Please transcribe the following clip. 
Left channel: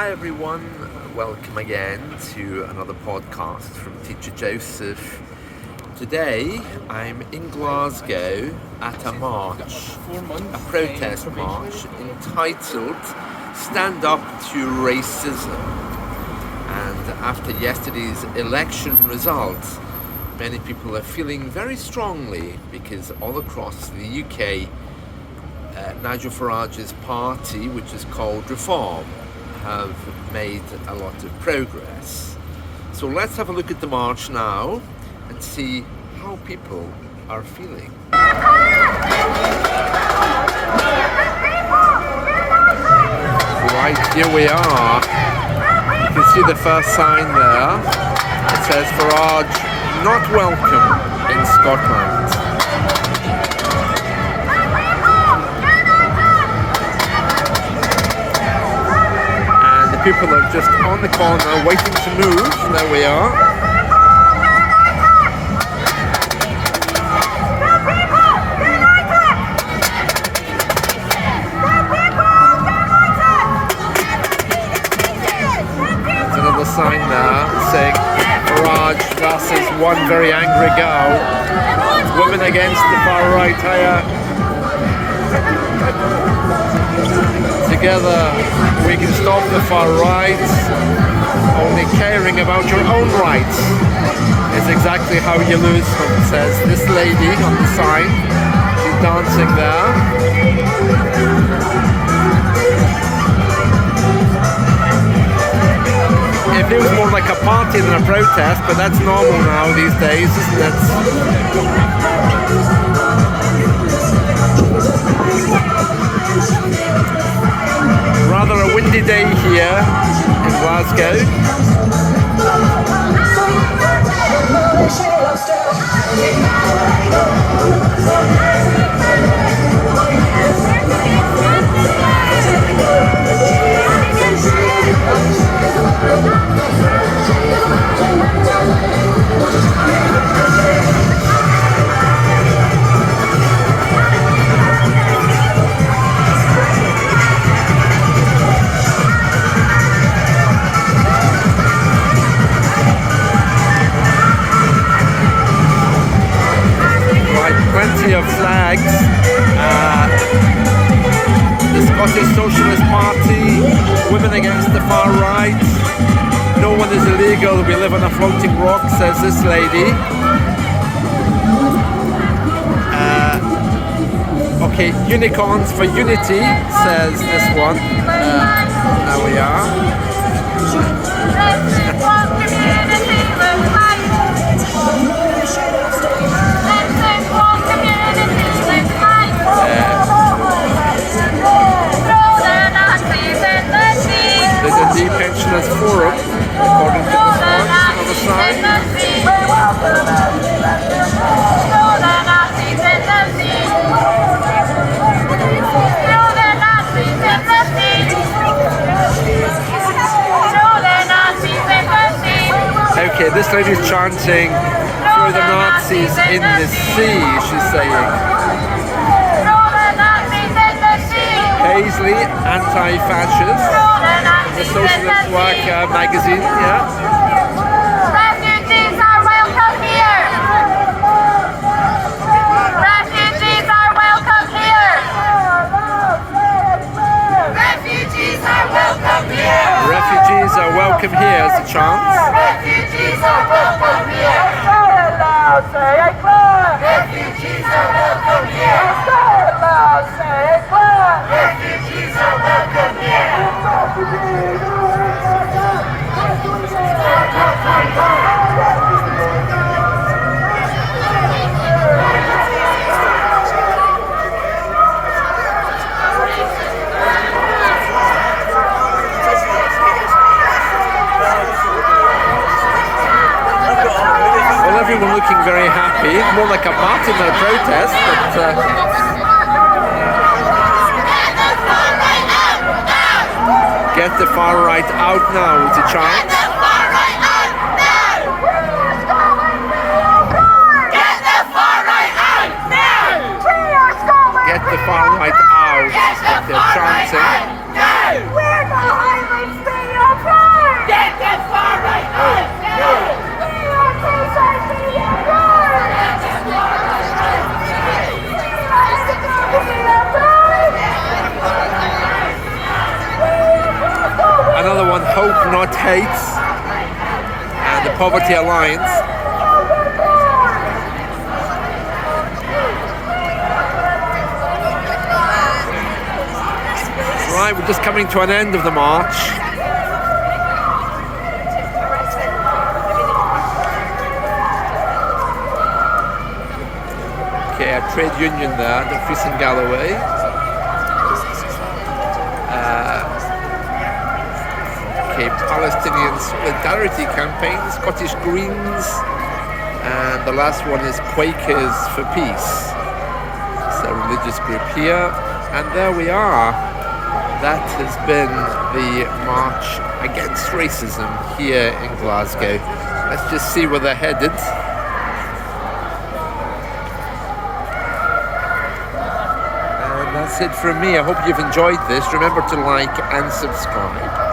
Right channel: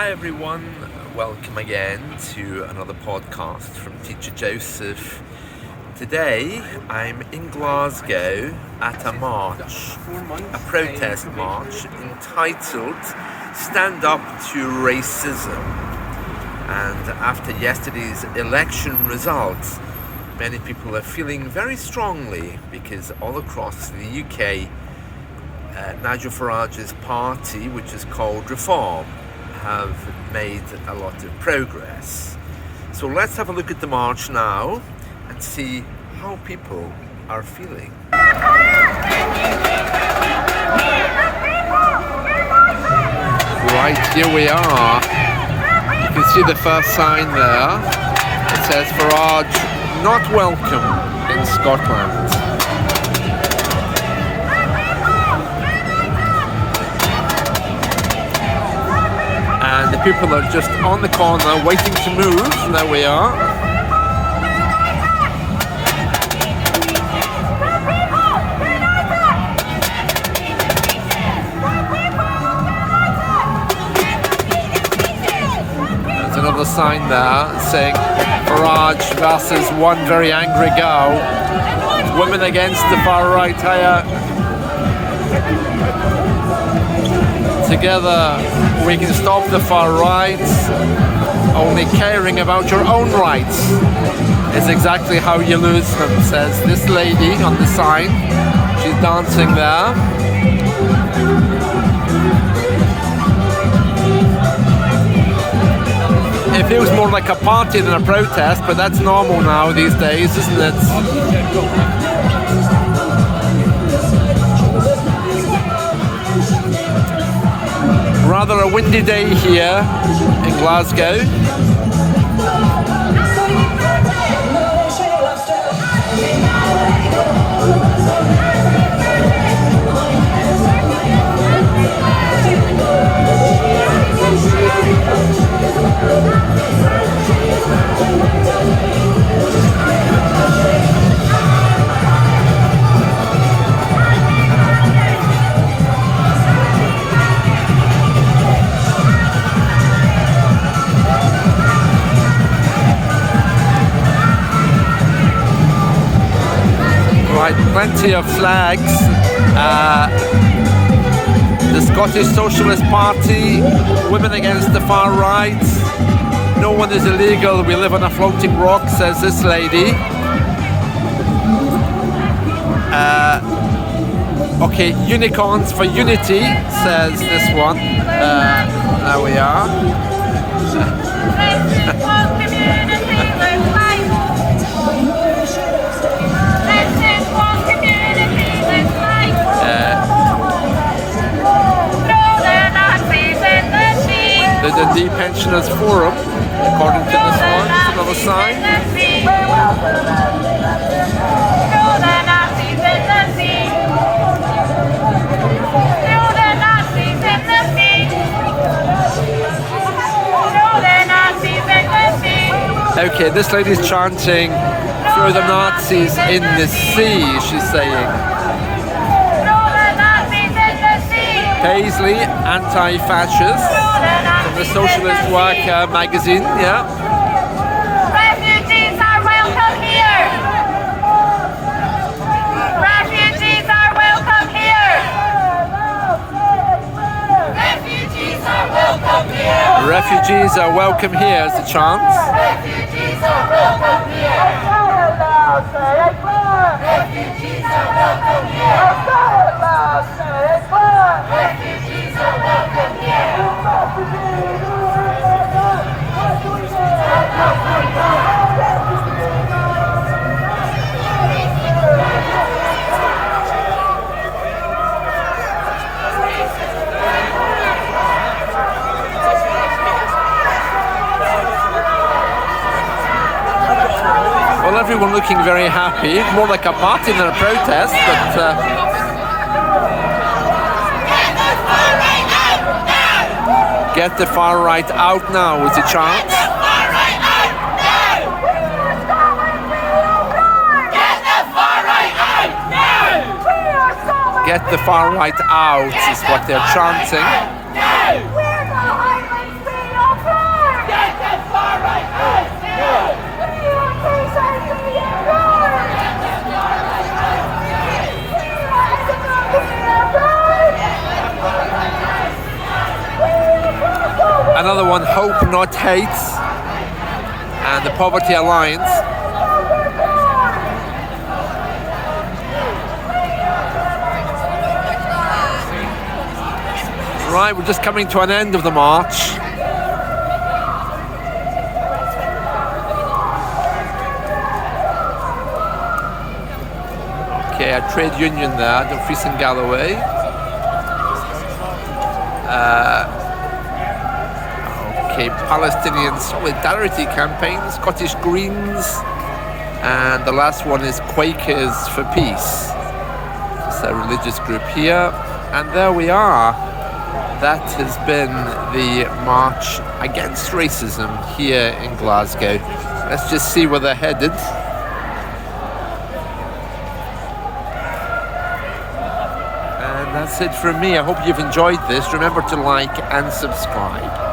Hi everyone, welcome again to another podcast from Teacher Joseph. Today I'm in Glasgow at a march, a protest march entitled Stand Up to Racism. And after yesterday's election results, many people are feeling very strongly because all across the UK, Nigel Farage's party, which is called Reform, have made a lot of progress. So let's have a look at the march now and see how people are feeling. Right, here we are. You can see the first sign there. It says Farage not welcome in Scotland. And the people are just on the corner waiting to move. There we are. There's another sign there saying Farage versus one very angry girl. Women against the far right higher. Together we can stop the far right. Only caring about your own rights is exactly how you lose them, says this lady on the sign. She's dancing there. It feels more like a party than a protest, but that's normal now these days, isn't it? Rather a windy day here in Glasgow. Plenty of flags. The Scottish Socialist Party, women against the far right. No one is illegal, we live on a floating rock, says this lady. Okay, unicorns for unity, says this one. There we are. The Dundee Pensioners Forum, according to this one, another sign. Okay, this lady's chanting, throw the Nazis in the sea, she's saying. Paisley, anti-fascist, from the Socialist Worker magazine, yeah. Refugees are welcome here! Refugees are welcome here! Refugees are welcome here! Refugees are welcome here as a chant. Refugees are welcome here! Refugees are welcome here! Refugees are welcome here! Well, everyone looking very happy, more like a party than a protest, but get the far right out now is a chant. Get the far right out now! Get the far right out now! Get the far right out is what they're chanting. We're not Another one, Hope Not Hate, and the Poverty Alliance. Right, we're just coming to an end of the march. Okay, a trade union there, Dumfries and Galloway. Okay, Palestinian Solidarity Campaign, Scottish Greens, and the last one is Quakers for Peace. It's a religious group here, and there we are. That has been the march against racism here in Glasgow. Let's just see where they're headed. And that's it from me. I hope you've enjoyed this. Remember to like and subscribe.